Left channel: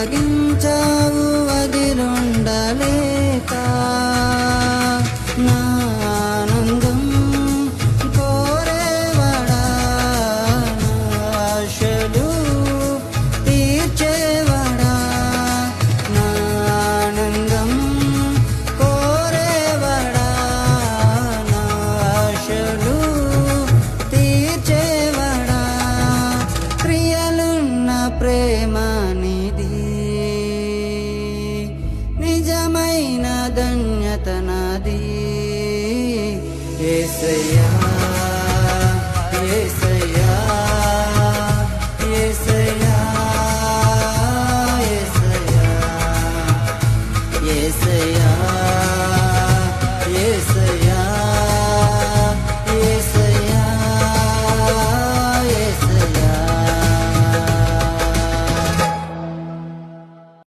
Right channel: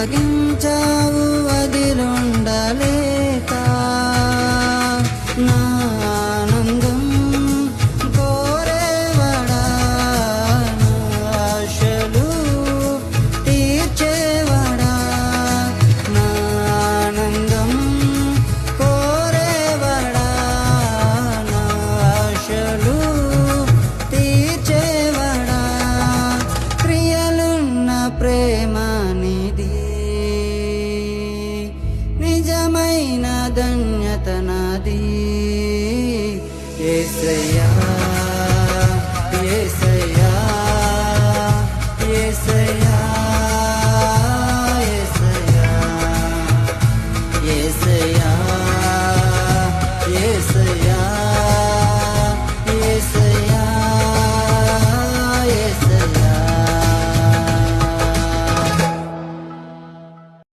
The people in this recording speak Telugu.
అప్పగించావు వదిలుండలేక నా ఆనందం కోరేవడా నా ఆశలు తీర్చేవడా నా ఆనందం కోరేవడా నా ఆశలు తీర్చేవడా క్రియలున్న ప్రేమ నిధి నిజమైన ధన్యత నాది యేసయ్యా యేసయ్యా యేసయ్యా యేసయ్యా యేసయ్యా యేసయ్యా